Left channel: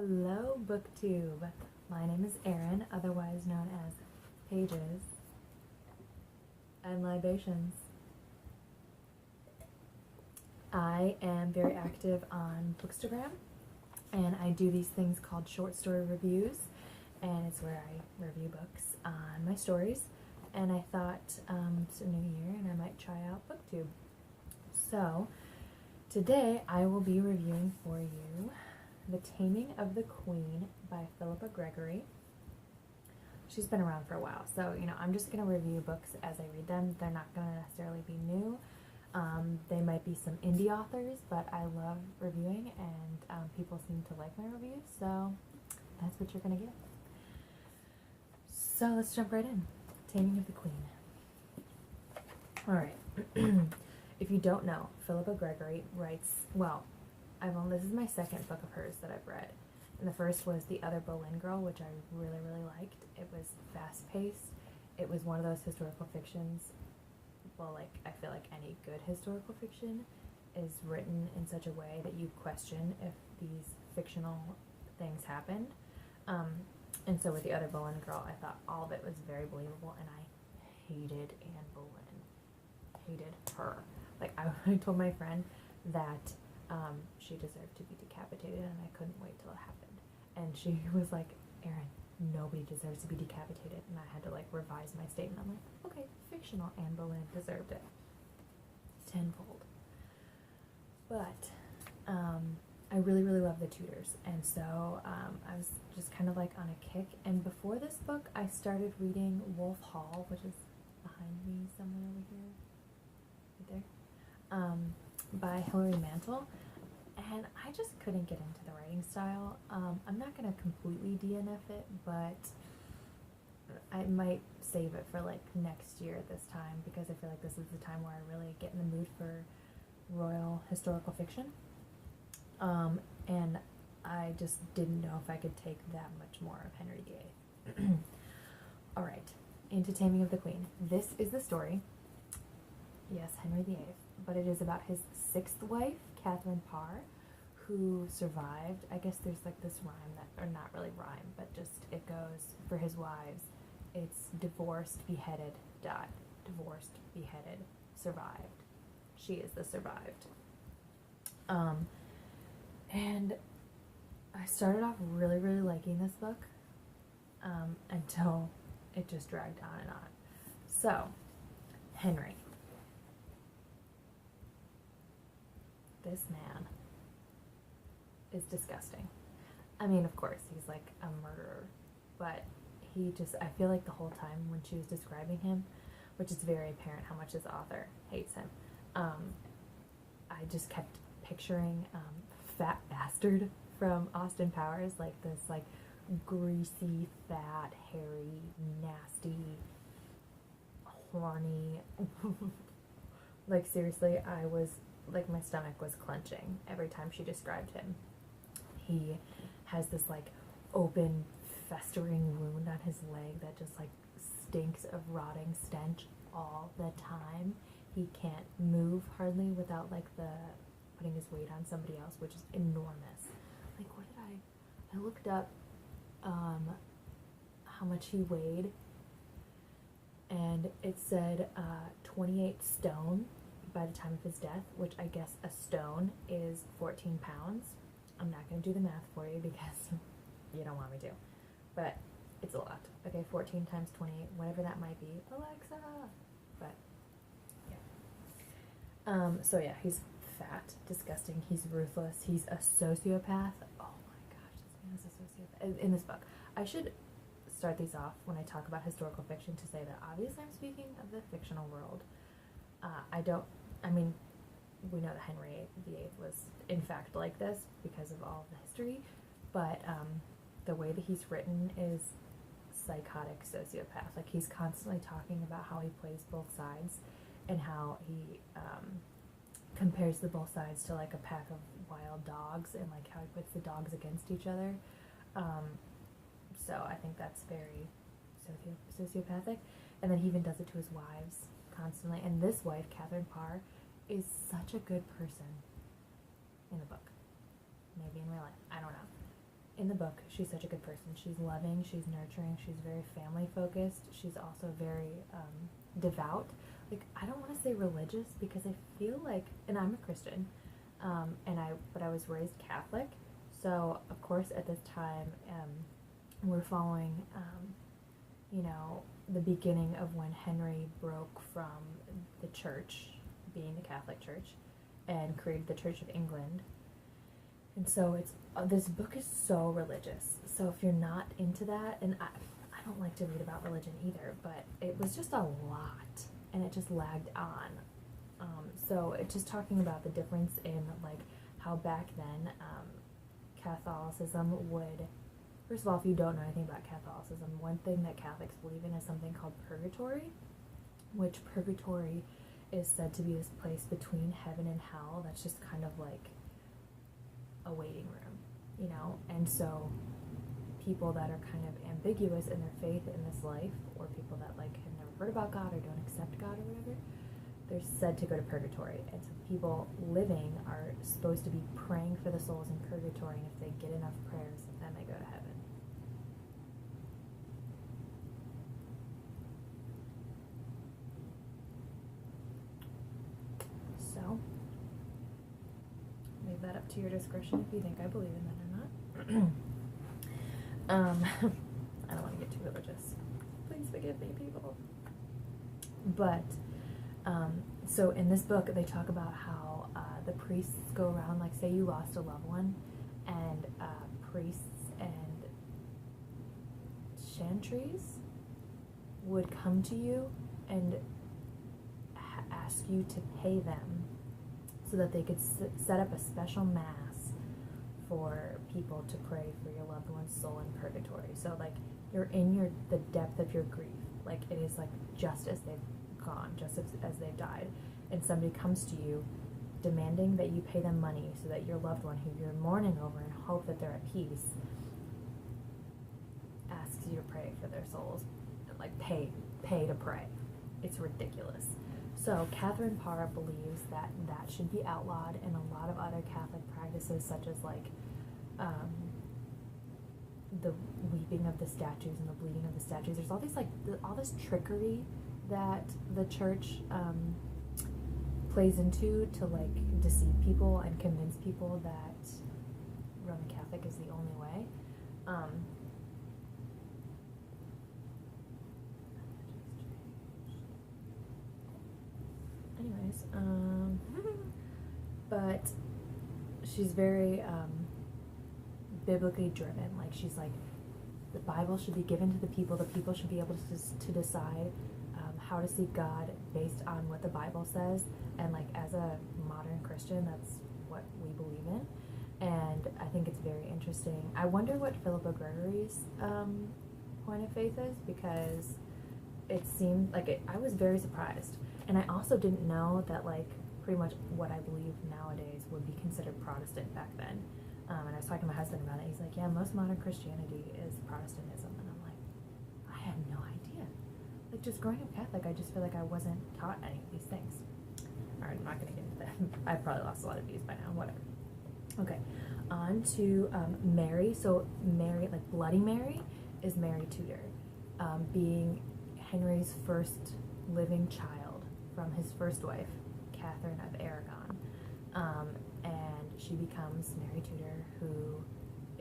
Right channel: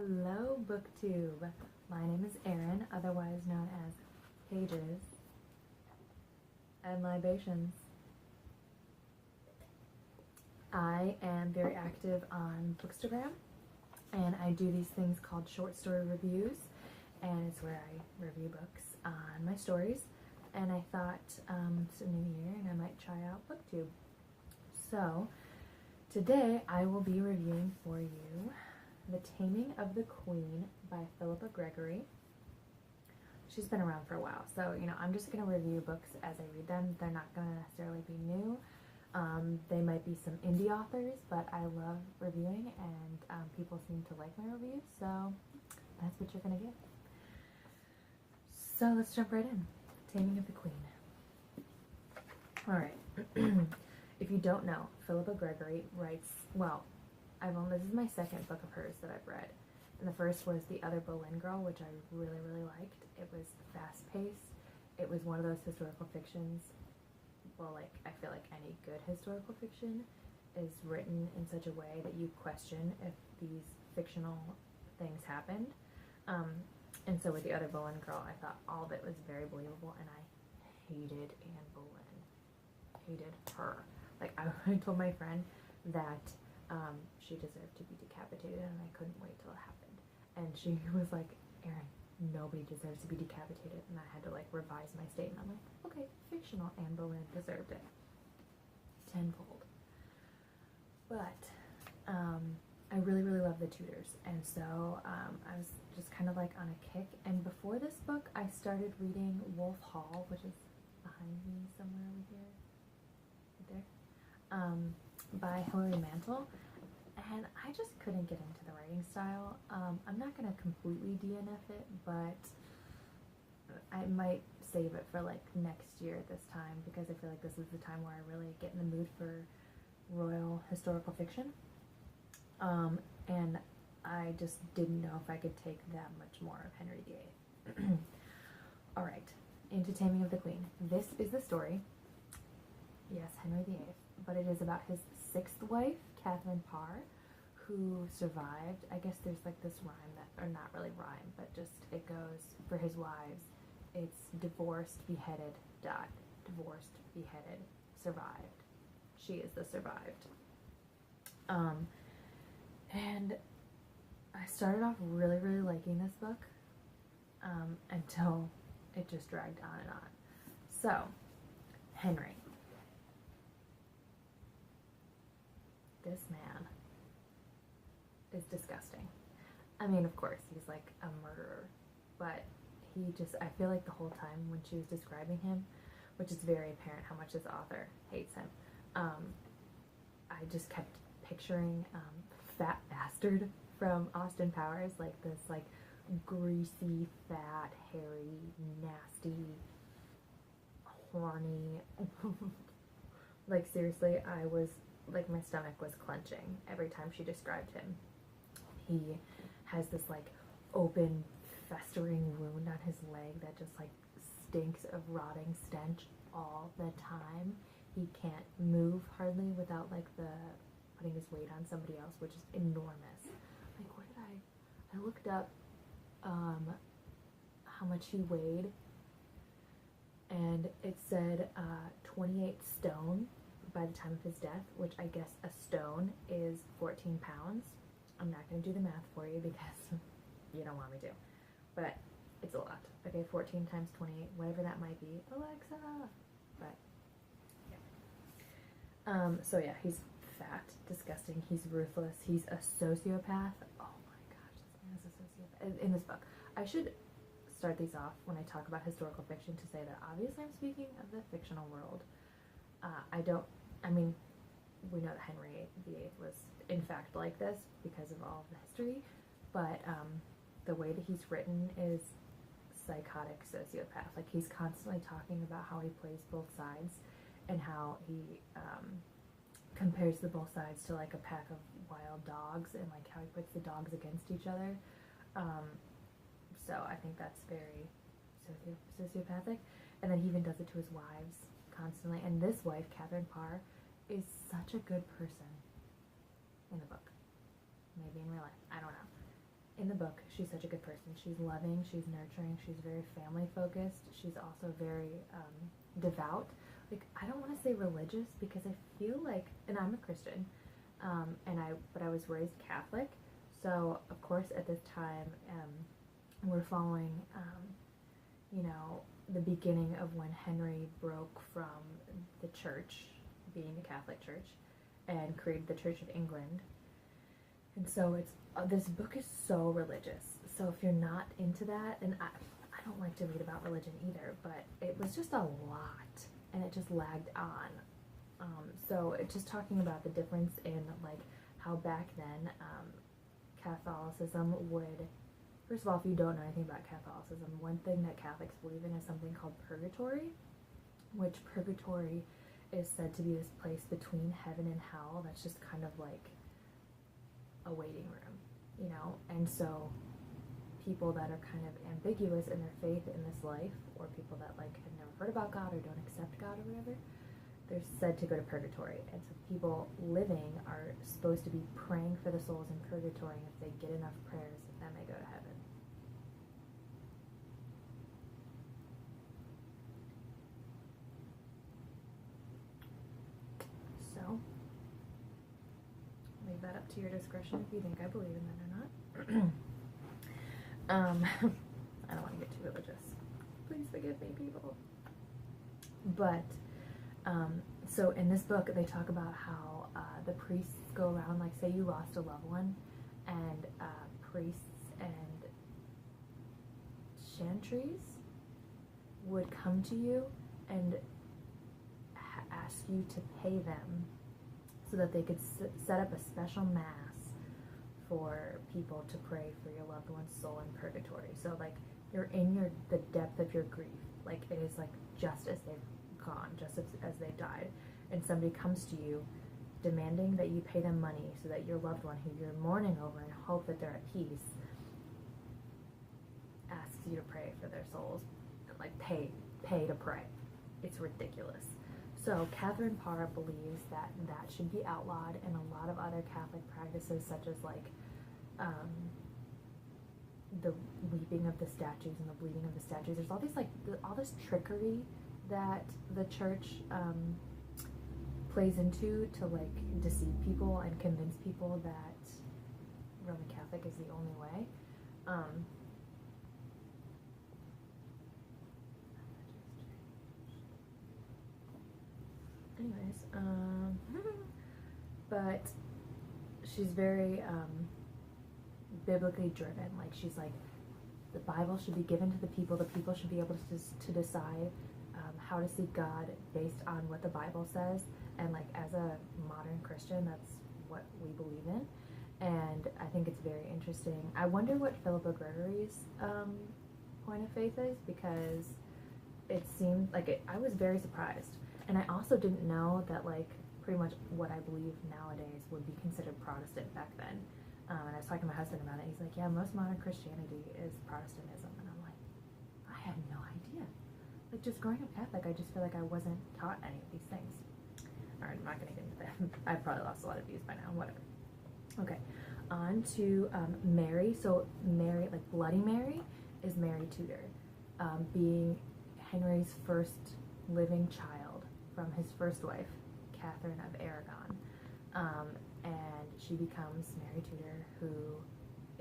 Hello, BookTube. My name is Erin, otherwise known as Pages and Libations. I am very active on Bookstagram, and I do these things called short story reviews, and it's where I review books on my stories. And I thought it's a new year, and I might try out BookTube. So today I will be reviewing for you The Taming of the Queen by Philippa Gregory. She's been around for a while, so I'm just going to review books as I read them. They're not going to necessarily be new. They might be some indie authors, but I love reviewing, and people seem to like my reviews, so that's what you're going to get. So let's jump right in. Taming of the Queen. Alright. If you don't know, Philippa Gregory writes, well, this is my second book of hers that I've read. And the first was The Other Boleyn Girl, which I really, really liked. It was fast-paced. It was one of those historical fictions. Well, I feel like any good historical fiction is written in such a way that you question if these fictional things happened. And so with The Other Boleyn Girl, I thought all of it was very believable, and I hated Anne Boleyn. Hated her. I told my friend that she deserved to be decapitated, and I couldn't wait till it happened. And she was like, Erin, nobody deserves to be decapitated. And I had to revise my statement. I'm like, okay, fictional Anne Boleyn deserved it. Tenfold. But I really, really love the Tudors, and so I was just kind of on a kick. And before this book, I started reading Wolf Hall, which is behind me somewhere over here, right there, by Hilary Mantel, and I just couldn't get into the writing style. I'm not going to completely DNF it, but I might save it for next year at this time, because I feel like this is the time where I really get in the mood for royal historical fiction. And I just didn't know if I could take that much more of Henry VIII. Alright, into Taming of the Queen. This is the story, yes, Henry VIII, but it is about his sixth wife, Catherine Parr, who survived. I guess there's this rhyme that, or not really rhyme, but just it goes, for his wives, it's divorced, beheaded, died. Divorced, beheaded, survived. She is the survived. And I started off really, really liking this book, until it just dragged on and on. So, Henry. This man is disgusting. I mean, of course, he's a murderer, but I feel like the whole time when she was describing him, which is very apparent how much this author hates him, I just kept picturing Fat Bastard from Austin Powers, this greasy, fat, hairy, nasty, horny, seriously, I was my stomach was clenching every time she described him. He has this open, festering wound on his leg that just stinks of rotting stench all the time. He can't move hardly without putting his weight on somebody else, which is enormous. What did I looked up how much he weighed, and it said 28 stone by the time of his death, which I guess a stone is 14 pounds. I'm not going to do the math for you because you don't want me to, but it's a lot. Okay, 14 times 28, whatever that might be. Alexa! But, yeah. So yeah, he's fat, disgusting, he's ruthless, he's a sociopath. Oh my gosh, this man is a sociopath. In this book, I should start these off when I talk about historical fiction to say that obviously I'm speaking of the fictional world. We know that Henry VIII was in fact like this because of all of the history, but the way that he's written is psychotic sociopath. He's constantly talking about how he plays both sides and how he compares the both sides to a pack of wild dogs, and how he puts the dogs against each other. So I think that's very sociopathic. And then he even does it to his wives constantly. And this wife, Catherine Parr, is such a good person in the book. Maybe in real life, I don't know. in the book, she's such a good person. She's loving, she's nurturing, she's very family focused. She's also very devout. Like, I don't want to say religious because I feel like, and I'm a Christian, but I was raised Catholic. So of course at this time, we're following, you know, the beginning of when Henry broke from the church, being the Catholic Church, and created the Church of England. And so it's this book is so religious. So if you're not into that, and I don't like to read about religion either, but it was just a lot, and it just lagged on. So it's just talking about the difference in like how back then Catholicism would. First of all, if you don't know anything about Catholicism, one thing that Catholics believe in is something called purgatory, which purgatory is said to be this place between heaven and hell that's just kind of like a waiting room, you know? And so people that are kind of ambiguous in their faith in this life, or people that like have never heard about God or don't accept God or whatever, they're said to go to purgatory. And so people living are supposed to be praying for the souls in purgatory, and if they get enough prayers, then they go to heaven. So leave that up to your discretion if you think I believe in that or not. I don't want to get too religious. Please forgive me, people. But so in this book, they talk about how the priests go around, like say you lost a loved one, and priests and chantries would come to you and ask you to pay them so that they could set up a special mass for people to pray for your loved one's soul in purgatory. So like you're in the depth of your grief, like it is like just as they've gone, just as they've died, and somebody comes to you demanding that you pay them money so that your loved one, who you're mourning over and hope that they're at peace, asks you to pray for their souls, like pay to pray. It's ridiculous. So Catherine Parr believes that that should be outlawed, and a lot of other Catholic practices, such as like the weeping of the statues and the bleeding of the statues. There's all these like all this trickery that the church plays into to like deceive people and convince people that Roman Catholic is the only way. But she's very biblically driven. Like she's like, the Bible should be given to the people should be able to decide how to seek God based on what the Bible says. And like as a modern Christian, that's what we believe in. And I think it's very interesting. I wonder what Philippa Gregory's point of faith is, because it seemed like I was very surprised. And I also didn't know that like pretty much what I believe nowadays would be considered Protestant back then. And I was talking to my husband about it. He's like, yeah, most modern Christianity is Protestantism. And I'm like, I had no idea. Like just growing up Catholic, I just feel like I wasn't taught any of these things. Alright, I'm not going to get into that. I've probably lost a lot of views by now, whatever. Okay, on to Mary. So Mary, like Bloody Mary, is Mary Tudor, being Henry's first living child from his first wife, Catherine of Aragon. And she becomes Mary Tudor, who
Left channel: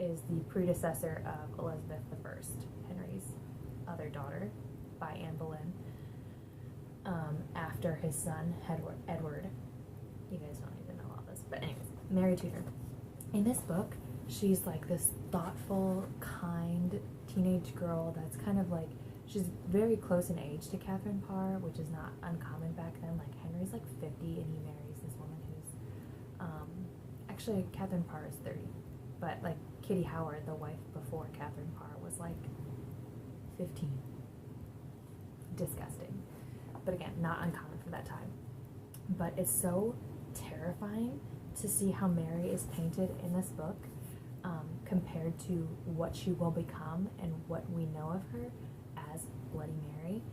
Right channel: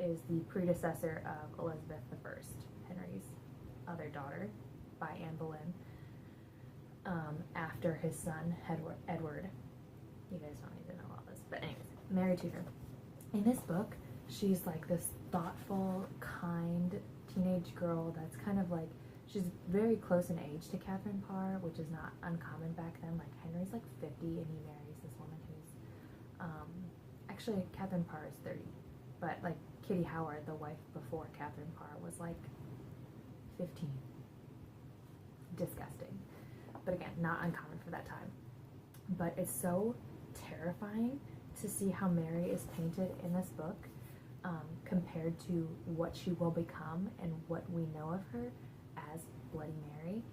is the predecessor of Elizabeth I, Henry's other daughter, by Anne Boleyn, after his son Edward. You guys don't need to know all this, but anyways, Mary Tudor. In this book, she's like this thoughtful, kind teenage girl that's kind of like, she's very close in age to Catherine Parr, which is not uncommon back then. Like Henry's like 50 and he marries this woman who's, actually Catherine Parr is 30, but like Kitty Howard, the wife before Catherine Parr, was like 15. Disgusting. But again, not uncommon for that time. But it's so terrifying to see how Mary is painted in this book, compared to what she will become and what we know of her as Bloody Mary.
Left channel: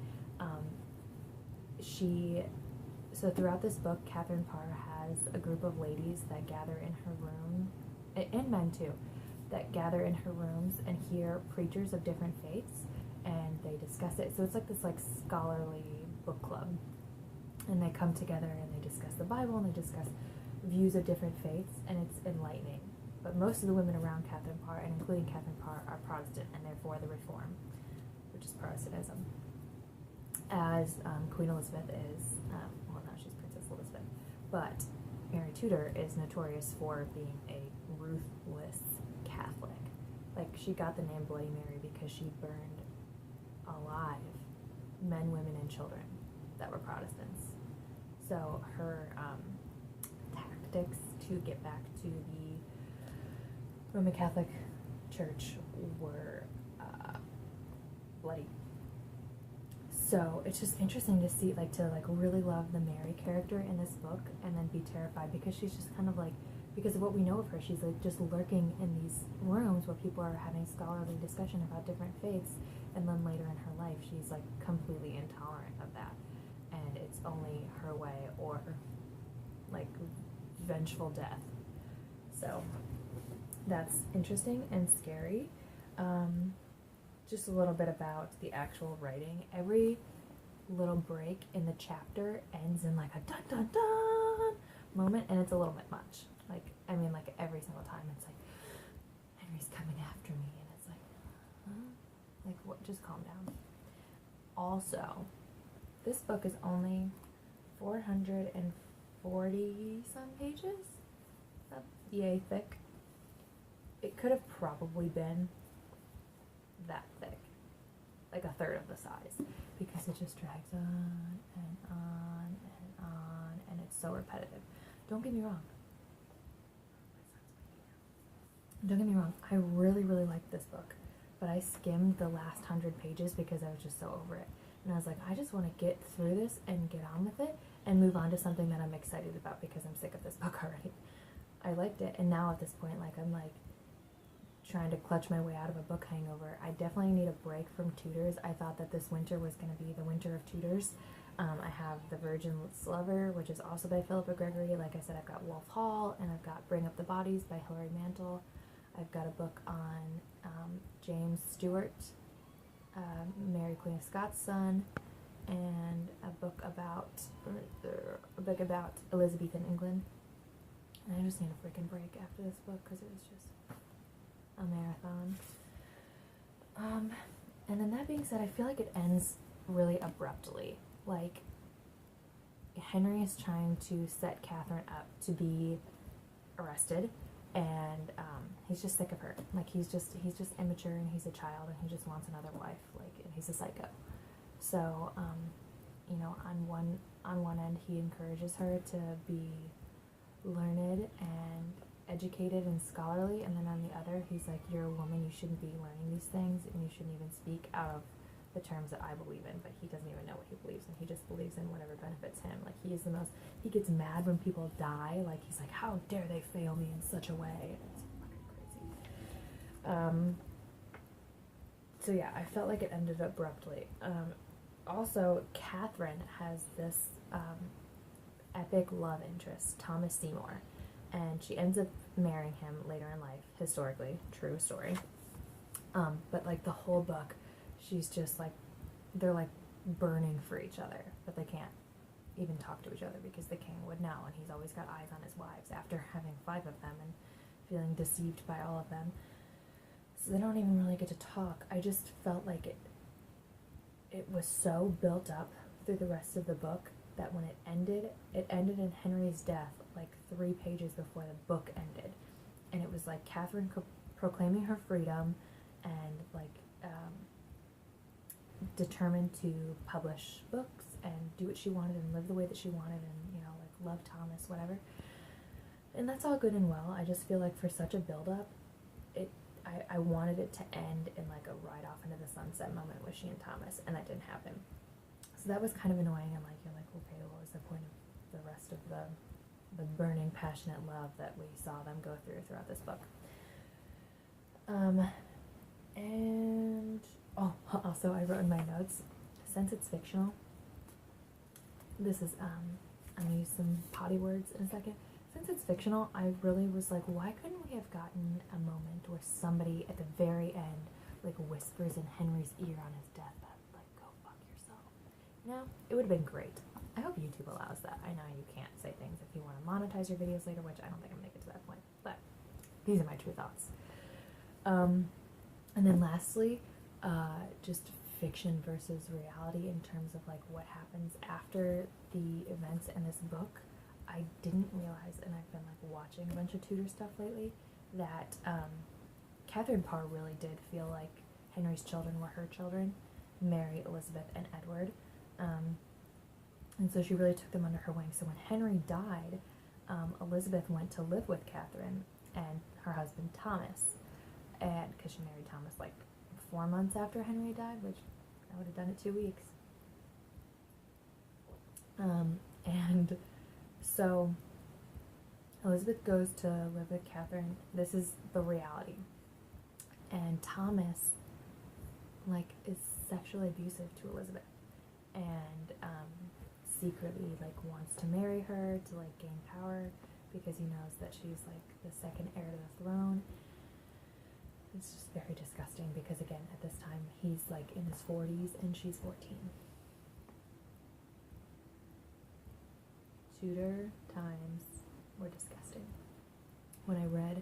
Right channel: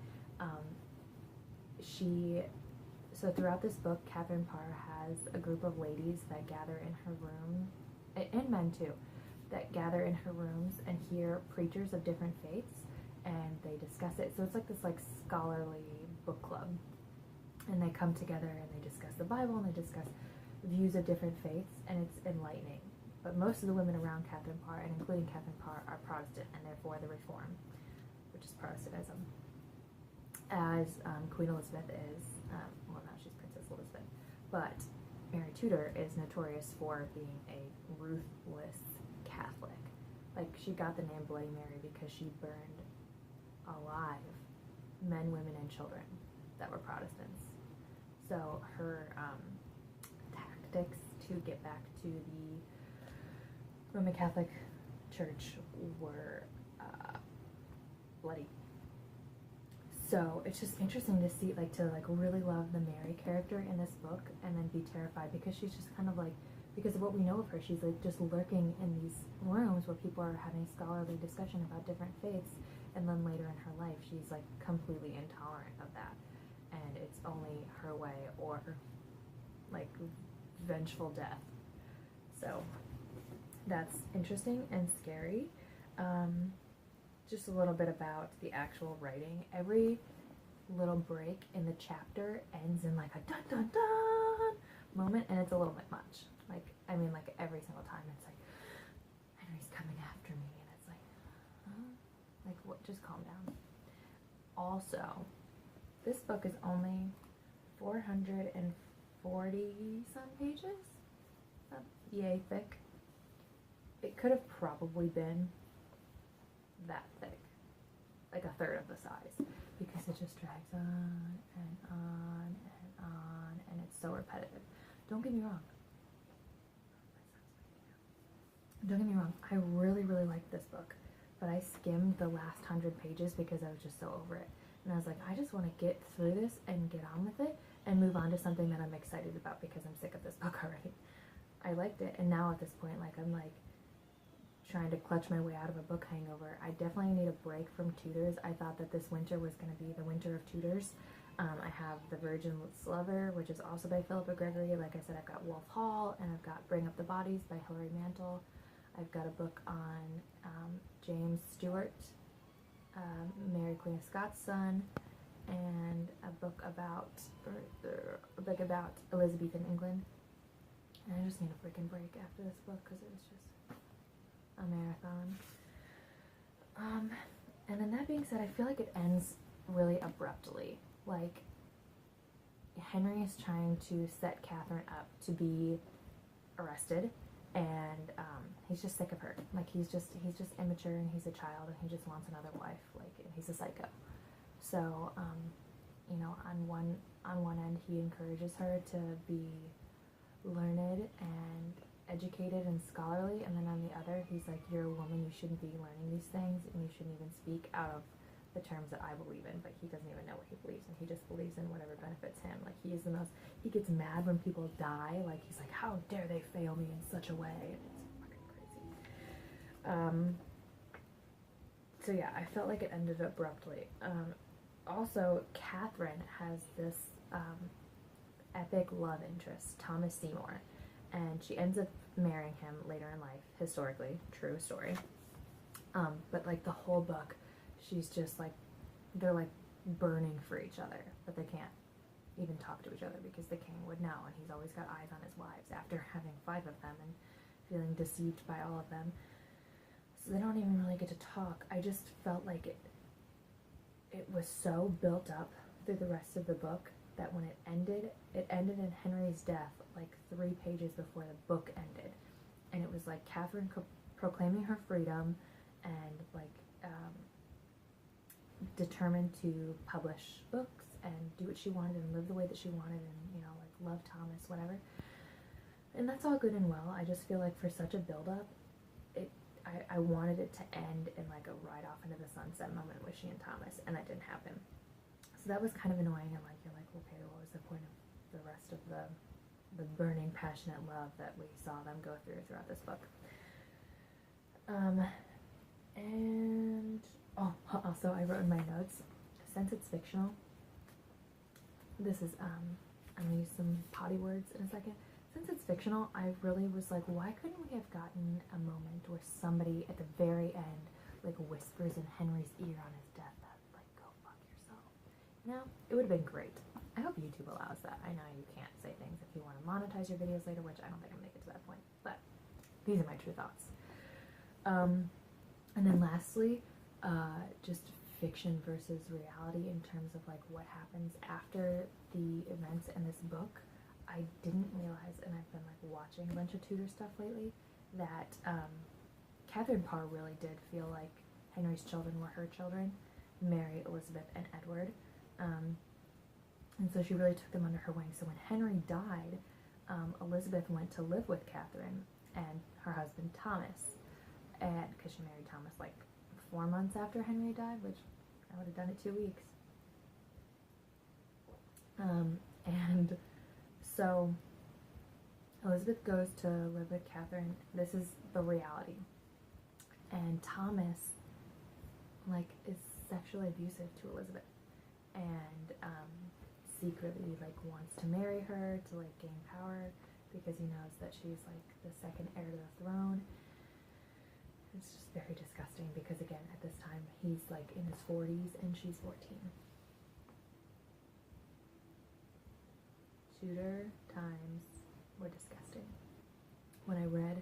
So throughout this book, Catherine Parr has a group of ladies that gather in her room, and men too, that gather in her rooms and hear preachers of different faiths, and they discuss it. So it's like this like scholarly book club, and they come together and they discuss the Bible and they discuss views of different faiths, and it's enlightening. But most of the women around Catherine Parr, and including Catherine Parr, are Protestant, and therefore the Reform, which is Protestantism. As Queen Elizabeth is, well, now she's Princess Elizabeth, but Mary Tudor is notorious for being a ruthless Catholic. Like, she got the name Bloody Mary because she burned alive men, women, and children that were Protestants. So her tactics to get back to the Roman Catholic Church were bloody. So it's just interesting to see, like, to really love the Mary character in this book, and then be terrified because she's just kind of like, because of what we know of her, she's like just lurking in these rooms where people are having scholarly discussion about different faiths, and then later in her life she's like completely intolerant of that, and it's only her way or like vengeful death. So that's interesting and scary. Just a little bit about the actual writing. Every little break in the chapter ends in like a dun dun dun moment, and it's a little bit much. Like, I mean, like every single time it's like, Henry's coming after me, and it's like, huh? Like, what? Just calm down. Also, this book is only 440 some pages. That's yay thick. It could have probably been that thick, like a third of the size, because it just drags on and on and on, and it's so repetitive. Don't get me wrong. I really, really liked this book, but I skimmed the last 100 pages because I was just so over it, and I was like, I just want to get through this and get on with it and move on to something that I'm excited about because I'm sick of this book already. I liked it, and now at this point, like, I'm like trying to clutch my way out of a book hangover. I definitely need a break from Tudors. I thought that this winter was going to be the winter of Tudors. I have The Virgin's Lover, which is also by Philippa Gregory. Like I said, I've got Wolf Hall, and I've got Bring Up the Bodies by Hilary Mantel. I've got a book on James Stewart, Mary Queen of Scots' son, and a book about Elizabethan England. And I just need a freaking break after this book because it was just a marathon. And then that being said, I feel like it ends really abruptly. Like, Henry is trying to set Catherine up to be arrested, and he's just sick of her. Like, he's just immature, and he's a child, and he just wants another wife. Like, he's a psycho. So, you know, on one end, he encourages her to be learned and educated and scholarly, and then on the other, he's like, you're a woman, you shouldn't be learning these things, and you shouldn't even speak out of the terms that I believe in. But he doesn't even know what he believes in. He just believes in whatever benefits him. Like, he gets mad when people die. Like, he's like, how dare they fail me in such a way? And it's fucking crazy. So yeah, I felt like it ended abruptly. Also, Catherine has this epic love interest, Thomas Seymour, and she ends up marrying him later in life, historically, true story. But like the whole book, she's just like, they're like burning for each other, but they can't even talk to each other because the king would know, and he's always got eyes on his wives after having 5 of them and feeling deceived by all of them. So they don't even really get to talk. I just felt like it was so built up through the rest of the book that when it ended in Henry's death, like 3 pages before the book ended. And it was like Catherine proclaiming her freedom and like determined to publish books and do what she wanted and live the way that she wanted, and, you know, like love Thomas, whatever. And that's all good and well. I just feel like for such a build-up, I wanted it to end in like a ride off into the sunset moment with she and Thomas, and that didn't happen. So that was kind of annoying, and like, you're like, okay, what was the point of the rest of the burning, passionate love that we saw them go throughout this book? And also I wrote in my notes, since it's fictional, this is I'm gonna use some potty words in a second. since it's fictional, I really was like, why couldn't we have gotten a moment where somebody at the very end like whispers in Henry's ear on his deathbed, like, go fuck yourself? You know, it would have been great. I hope YouTube allows that. I know you can't say things if you want to monetize your videos later, which I don't think I'm going to get to that point, but these are my true thoughts. And then lastly, just fiction versus reality in terms of like what happens after the events in this book. I didn't realize, and I've been like watching a bunch of Tudor stuff lately, that Catherine Parr really did feel like Henry's children were her children, Mary, Elizabeth, and Edward. And so she really took them under her wing. So when Henry died, Elizabeth went to live with Catherine and her husband Thomas, and because she married Thomas like 4 months after Henry died, which I would have done it 2 weeks. And so Elizabeth goes to live with Catherine. This is the reality. And Thomas, like, is sexually abusive to Elizabeth, and secretly like wants to marry her to like gain power because he knows that she's like the second heir to the throne. It's just very disgusting because, again, at this time he's like in his 40s and she's 14. Tudor times were disgusting. When I read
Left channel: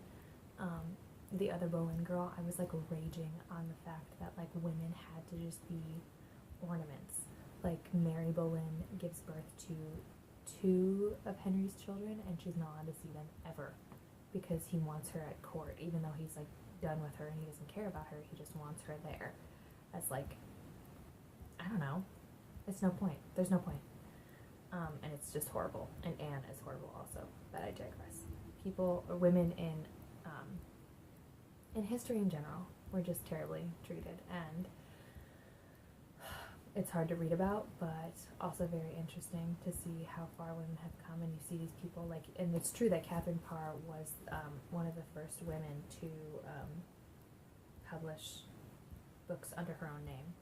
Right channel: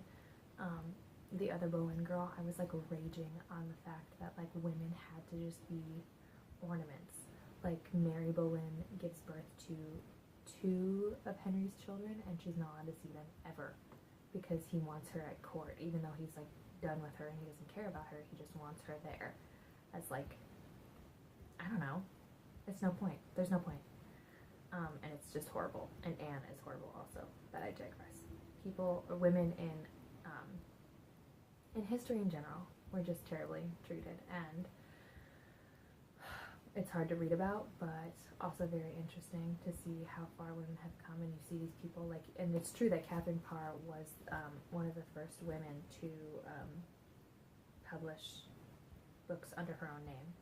The Other Boleyn Girl, I was like raging on the fact that like women had to just be ornaments. Like Mary Boleyn gives birth to 2 of Henry's children and she's not allowed to see them ever because he wants her at court, even though he's like done with her and he doesn't care about her. He just wants her there as like, I don't know, it's no point. There's no point. And it's just horrible. And Anne is horrible also, but I digress. People, or women in history in general were just terribly treated, and it's hard to read about, but also very interesting to see how far women have come. And you see these people like, and it's true that Catherine Parr was one of the first women to publish books under her own name,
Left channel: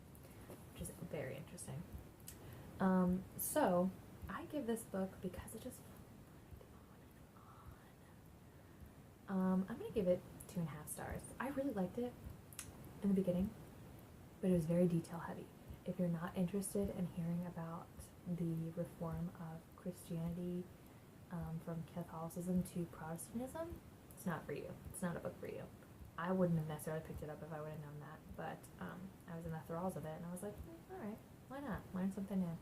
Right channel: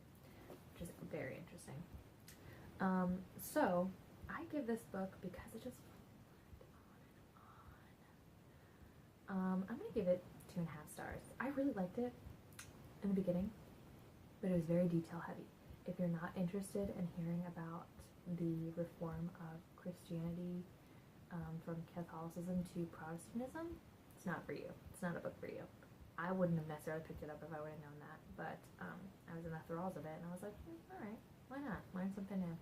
which is very interesting. So I give this book, because it just went on. I'm gonna give it 2.5 stars. I really liked it in the beginning, but it was very detail heavy. If you're not interested in hearing about the reform of Christianity from Catholicism to Protestantism, it's not for you. It's not a book for you. I wouldn't have necessarily picked it up if I would have known that, but I was in the thralls of it, and I was like, alright, why not? Learn something new.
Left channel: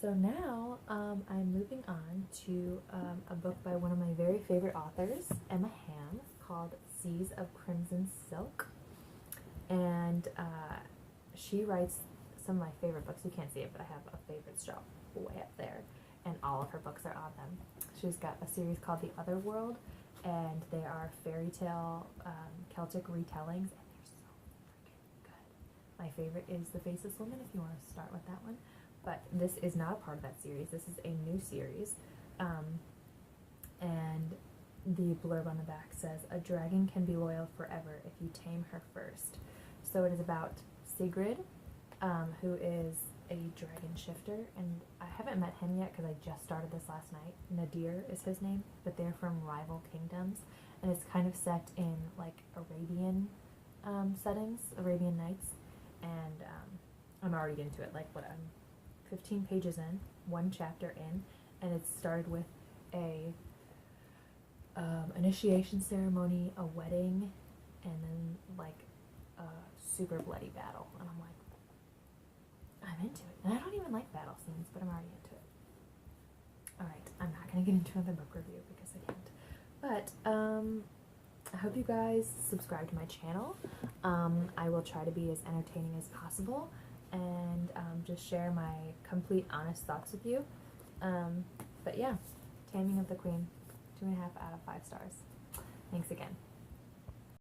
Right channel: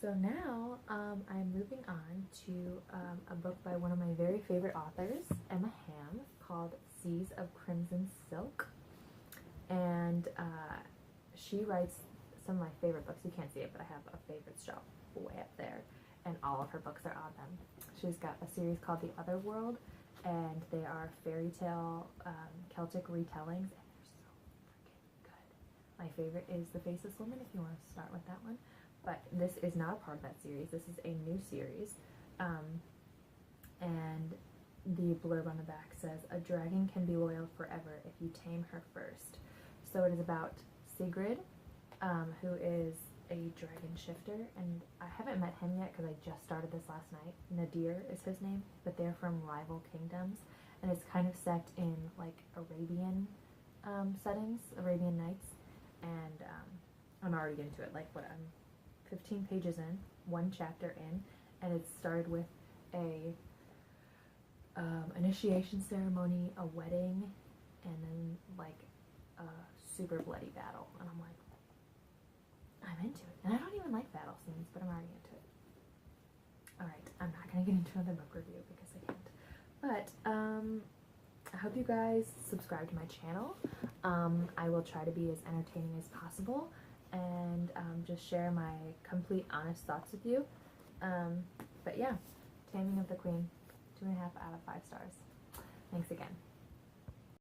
So now I'm moving on to a book by one of my very favorite authors, Emma Hamm, called Seas of Crimson Silk. And she writes some of my favorite books. You can't see it, but I have a favorites shelf way up there, and all of her books are on them. She's got a series called The Other World, and they are fairy tale Celtic retellings, and they're so freaking good. My favorite is The Faceless Woman, if you want to start with that one. But this is not a part of that series. This is a new series. And the blurb on the back says, "A dragon can be loyal forever if you tame her first." So it is about Sigrid, who is a dragon shifter, and I haven't met him yet because I just started this last night. Nadir is his name, but they're from rival kingdoms, and it's kind of set in like Arabian settings, Arabian Nights, and I'm already into it. Like, what, I'm 15 pages in, 1 chapter in, and it started with a initiation ceremony, a wedding, and then like a super bloody battle, and I'm like, I'm into it. And I don't even like battle scenes, but I'm already into it. Alright, I'm not going to get into another book review because I can't. But, I hope you guys subscribe to my channel. I will try to be as entertaining as possible, and just share my complete honest thoughts with you. But yeah, Taming of the Queen, 2.5 out of 5 stars. Thanks again.